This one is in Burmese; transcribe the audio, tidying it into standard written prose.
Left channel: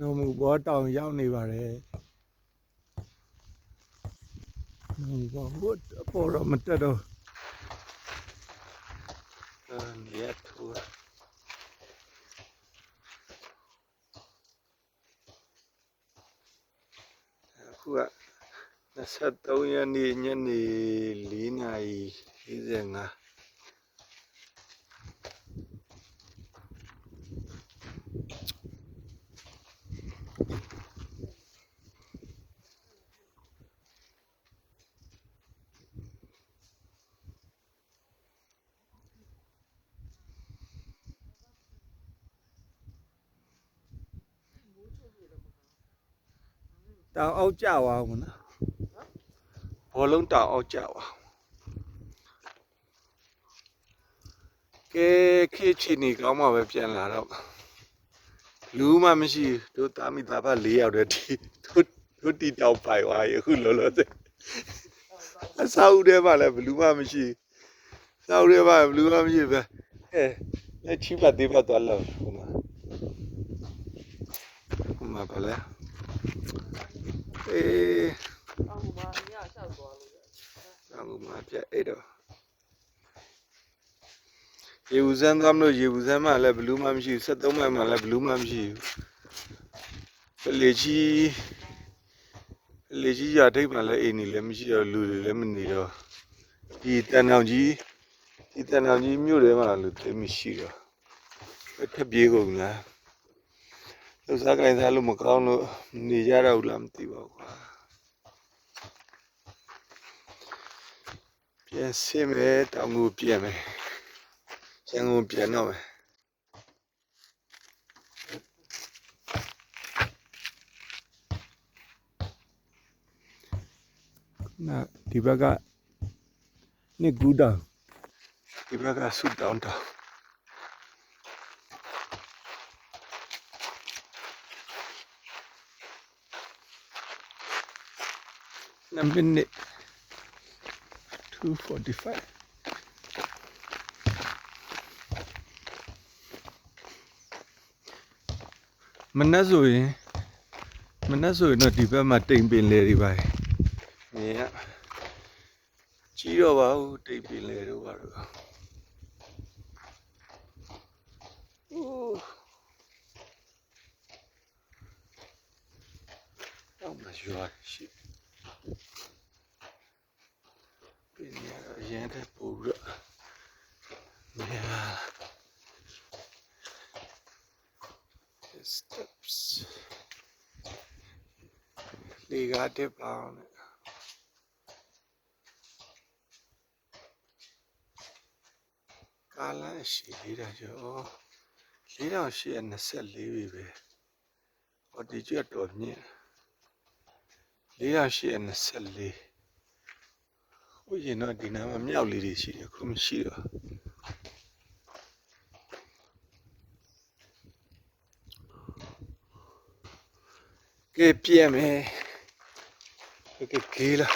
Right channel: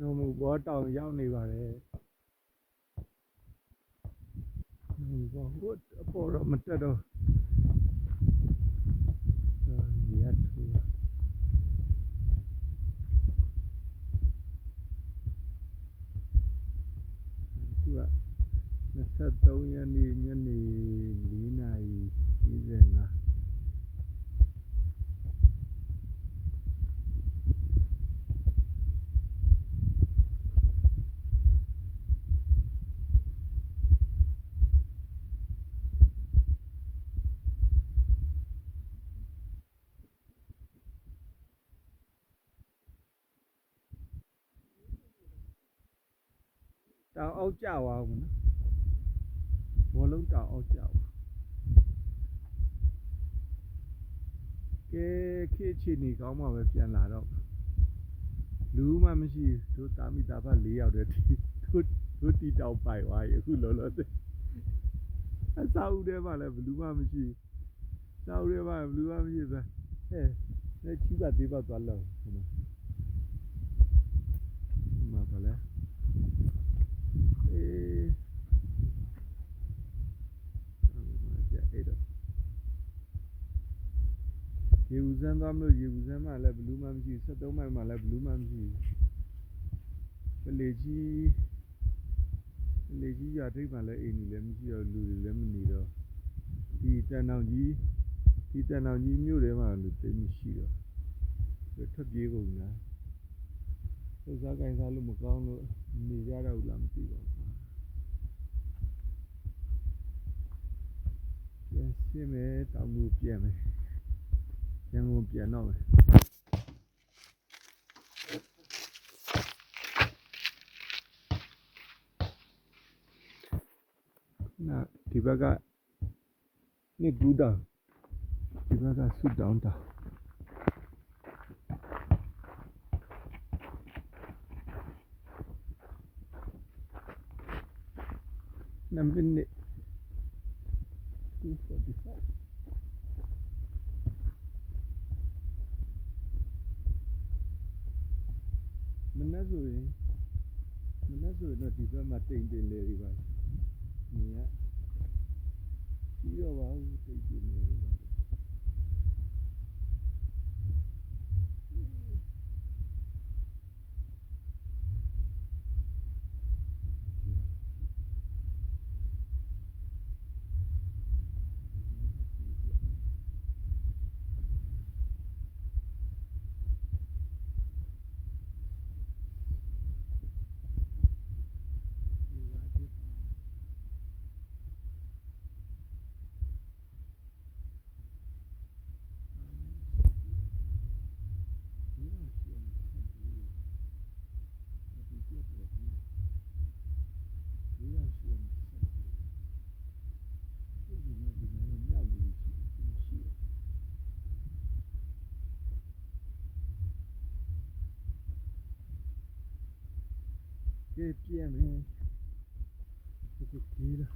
နော်မူဘောတောင်ရောက်နေပါတယ်နော်ဘောဟိုအပေါ်တော့မတက်တော့ရက်ထူအခုက23ရက်နေ့ညနေ4:45တောင်အောက်ကျသွားဘူးနော်ဘောလုံးတောင်အောက်ကျသွားကဲခေချီနေကောင်းမှပဲပြန်လာတော့လူမှမရှိတို့တာမိသားဖ4ယောက်တည်းဒီတို့တီတောင်ပိုင်သွားရေအခုလောလောဆယ်အဆောက်အဦထဲမှာလည်းဘလူးမှမရှိစောက်ထဲမှာဘလူးမှမရှိပဲဟဲ့လက်ချီပါသေးပါသွားလောက်ဟိုမှာပါလဲအော်မှာအရဆောက်သွားလို့အော်မှာပြအဲ့တော့ရေဦးစမ်းသွားမလို့ရေဦးစမ်းမှလည်းဘလူးမှမရှိဘူး73မိုင်မှလည်းဘလူးမှမရှိဘူးလေကြီးရထိပ်မှလည်းအိမ်နေလည်းမရှိတော့လူတွေလည်းမနေတော့ဒီတန်တောင်ကြီးမြို့ထဲမှာလူသိမရှိတော့ခက်ပြေးကုန်လားလှုပ်ရှားကြိုင်စားလို့မကောင်းလို့နေကြတော့ဘူးလားမသိပါဘူးကွာပြန်ဆင်းမယ်တောင်ကိုပြန်မယ်ရန်ကုန်ပြန်တော့မယ်နာဒီဘက်ကနှစ်ကူးတောင်ဒီဘက်ကဆူတောင်တောင်2 minutes 2:45မနက်ဆိုရင်တော့ဒီဘက်မှာတိမ်ပင်လေတွေပါမြင်ရကြီးတော့ပါဘူးတိမ်ပင်လေတို့ပါတော့တော့မရွာရှိပင်ရရန်တဲ့ပူတော့steps လေကားတက်ပါအောင်ကားလမ်းရှိသေးတာကျော်4824ပြီပဲဟောဒီကျွတ်တော်မြင့်4824ဟိုရင်တော့ဒီနားမှာမြောက်လေးတွေရှိတယ်ခုမရှိတော့ကဲပြည့်မယ်ကဲလာ